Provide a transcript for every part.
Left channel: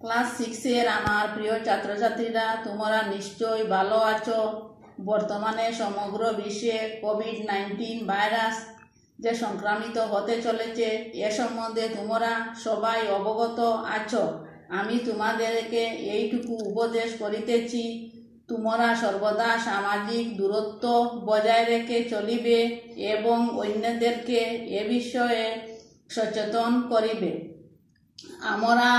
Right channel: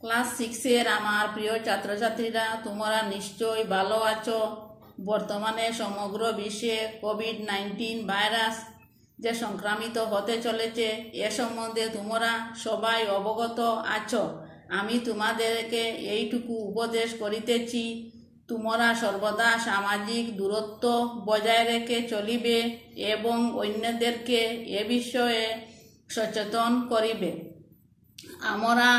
Class 6-এর আমার প্রিয় ছাত্রছাত্রীরা, তোমরা নিশ্চয়ই ভালো আছো। বর্তমানে সমগ্র বিশ্বে কোভিড-19 ভাইরাস যে সংক্রামিত হতে চলেছে এ সম্বন্ধে তোমরা সবাই অবগত আছো। আমি তোমাদেরকে এইটুকু উপদেশ করিতেছি, তোমরা সর্বদা সামাজিক দূরত্ব বজায় রেখে চলিবে এবং অন্যদেরকে এ বিষয়ে সচেতন করিবে। আমরা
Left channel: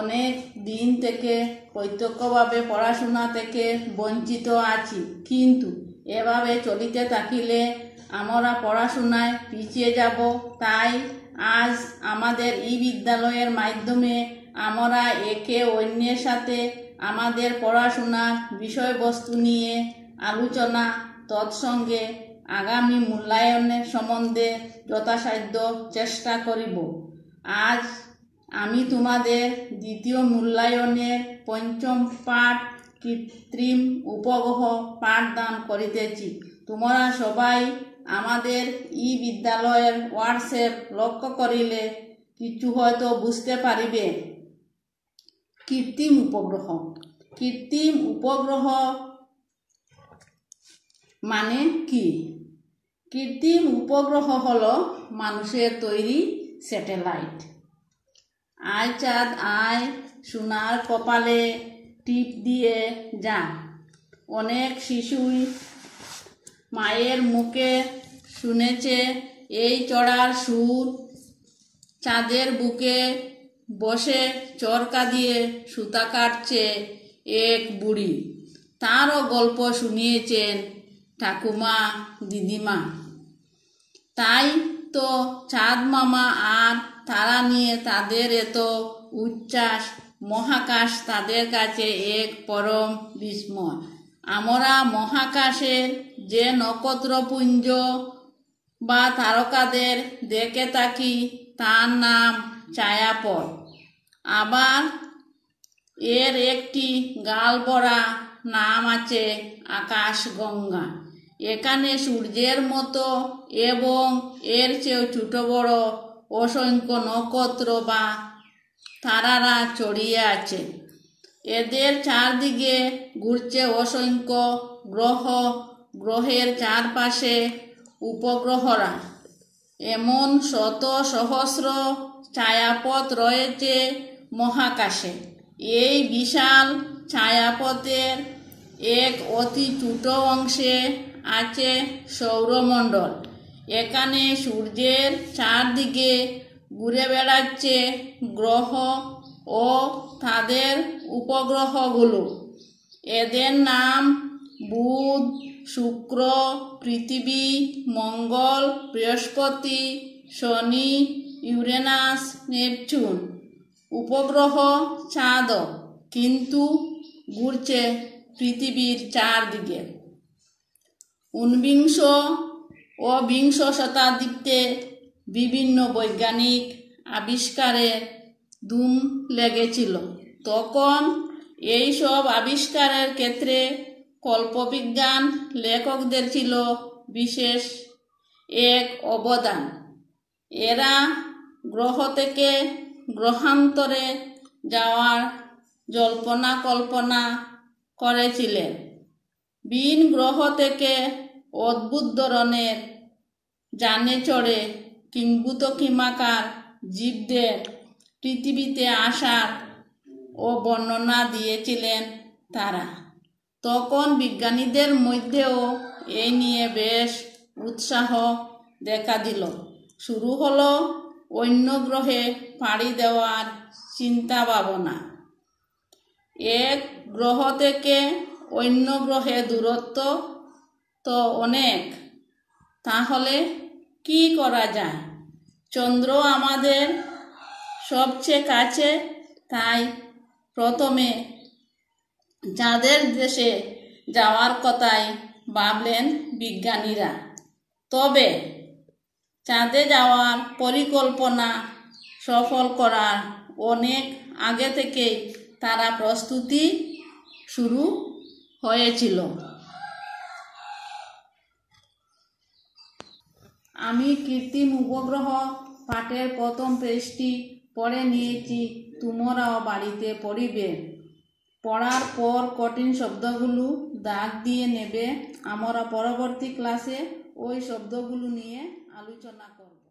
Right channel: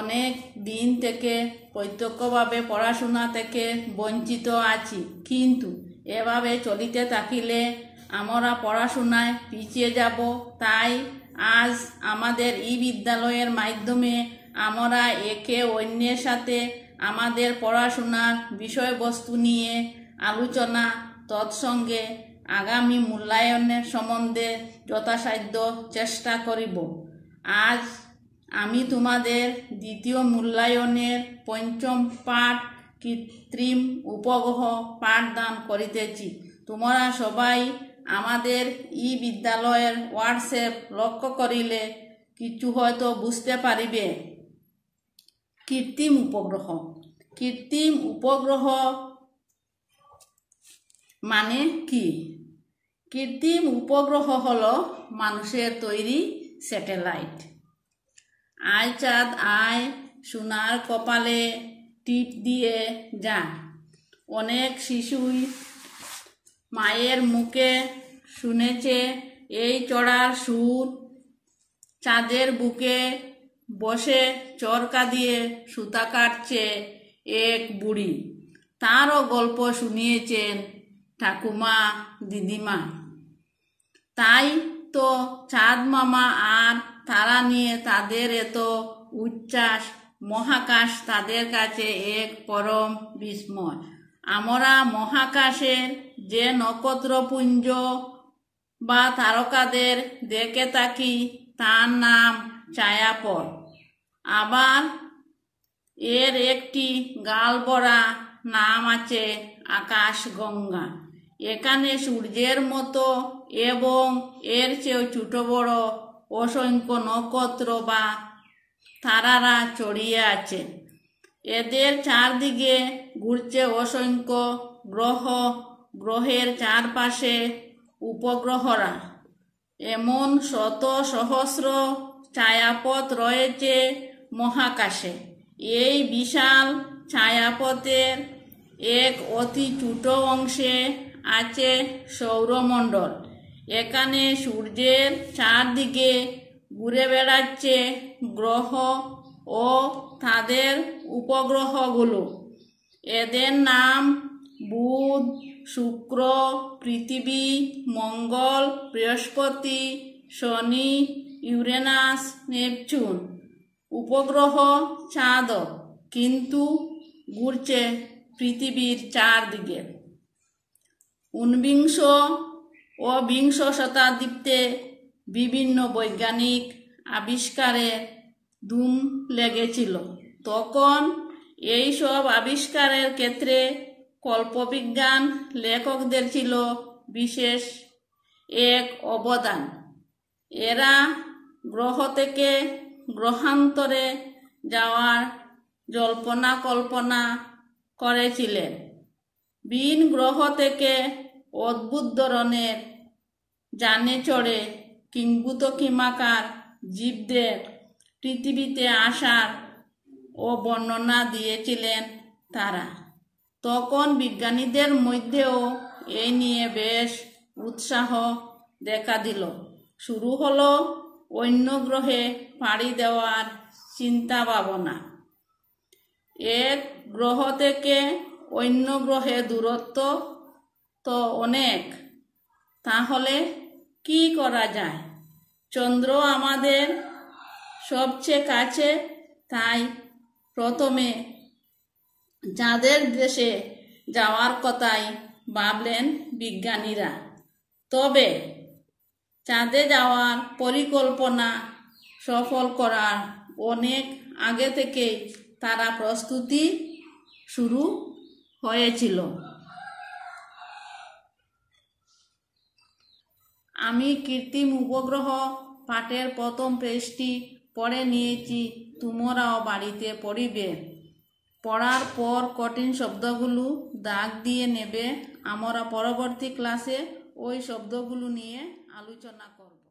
অনেক দিন থেকে প্রত্যক্ষভাবে পড়াশোনা থেকে বঞ্চিত আছি, কিন্তু এভাবে চলিতে থাকিলে আমরা পড়াশোনায় পিছিয়ে যাব। তাই আজ আমাদের বিদ্যালয়ের মাধ্যমে আমরা একে অন্যের সাথে আমাদের পড়াশোনার বিষয়বস্তু নিয়ে আলোচনা, তৎসঙ্গে আগামী মূল্যায়নের সম্বন্ধে যথাসাধ্য চেষ্টা করিব। আজ আমি তোমাদের দ্বিতীয় মূল্যায়নের পঞ্চম পাঠ কৃত্রিম উপগ্রহ পাঠদান করিতেছি। তোমরা সবাই আমাদের বিদ্যালয়ের হোয়াটসঅ্যাপ লক্ষ্য করিলে কিছু হয়তো বুঝতে পারিবে। কৃত্রিম উপগ্রহ মানে কি? কৃত্রিম উপগ্রহ হলো মানুষের তৈরি স্যাটেলাইট। আয় চাঁদ আয়, সোনার কপালে টিপ দিয়ে যায়। অনেক শিশুই মায়ের মুখে শুনেছে এই চড়ার সুর। চাঁদের বুকে বসে চরকা দিয়ে সুতা কাটছে এক বুড়ি, তারও গল্প শুনিয়েছেন ঠাকুমা দিদিমা। তাই তো চাঁদ মামা আর তারা নিয়ে তাদের এত উচ্ছ্বাস। মহাকাশ তাদের কাছে এক পরম বিস্ময়। আমরা মহাকাশের যে নক্ষত্রপুঞ্জ বা তারকাদের দেখে থাকি তার নাম ছায়াপথ। আবার এর একটি গালভরা নাম আছে আকাশগঙ্গা। এখানে সূর্যের মতো এবং এর চেয়েও ছোট বড় অসংখ্য নক্ষত্র বা তারারা ছড়িয়ে আছে। এদের চারদিকে ঘুরছে অসংখ্য গ্রহ। গ্রহের চারপাশে উপগ্রহরা। এমন শত সহস্র ছায়াপথ রয়েছে মহাকাশে। এই বিশাল ছায়াপথের এক অতি ছোট অংশে আছে সৌরমণ্ডল। এখানে সূর্যের চারদিকে ঘুরে বেড়াচ্ছে গ্রহ ও তাদের উপগ্রহগুলো। এদের নাম বুধ, শুক্র, পৃথিবী, মঙ্গল, বৃহস্পতি, শনি, ইউরেনাস, নেপচুন। উপগ্রহ চাঁদ কিন্তু ঘুরছে পৃথিবীর চারদিকে। 19 ও 20 শতাব্দীতে বিভিন্ন বৈজ্ঞানিক আবিষ্কারে ধুম লেগেছিল। তখন এই সব আবিষ্কারের ক্ষেত্রে কল্পবিজ্ঞান লেখকদের ছিল বিশেষ এক অবদান। এরা গ্রহ থেকে গ্রহান্তরে যাওয়ার জল্পনা কল্পনা করেছিলেন। ভিন গ্রহ থেকে অদ্ভুত ধরনের যানে চড়ে কিংবদন্তিমাকার জীবদের পৃথিবীতে আসার ও বর্ণনা দিয়েছিলেন তারা। তখন বিজ্ঞানীদের মধ্যেও এই নিয়ে বেশ উৎসাহ দেখা দিল। শুরু হলো অন্য গ্রহে পাড়ি দেওয়ার চিন্তা ভাবনা। এক গ্রহ থেকে অন্য গ্রহে দূরত্ব তো অনেক, তাহলে কি করা যায়? চন্দ্র আমাদের সবচেয়ে কাছে, তাই প্রথমে চাঁদের দেশে যাওয়ার কথাই ভাবলেন বিজ্ঞানীরা। তবে চাঁদে যাওয়ার পরিকল্পনা সফল করার অনেক আগে থেকেই তারা প্রস্তুতি শুরু হয়েছিল। আমি কৃত্রিম উপগ্রহ পাঠের প্রথম পেজটি পড়ে নিয়েছি, তোমরাও বাড়িতে পড়িবে। পড়ার পর কঠিন শব্দগুলো দাগ দিয়ে নেবে। আমরা পরবর্তী ক্লাসে ওই শব্দগুলো নিয়ে আলোচনা করব।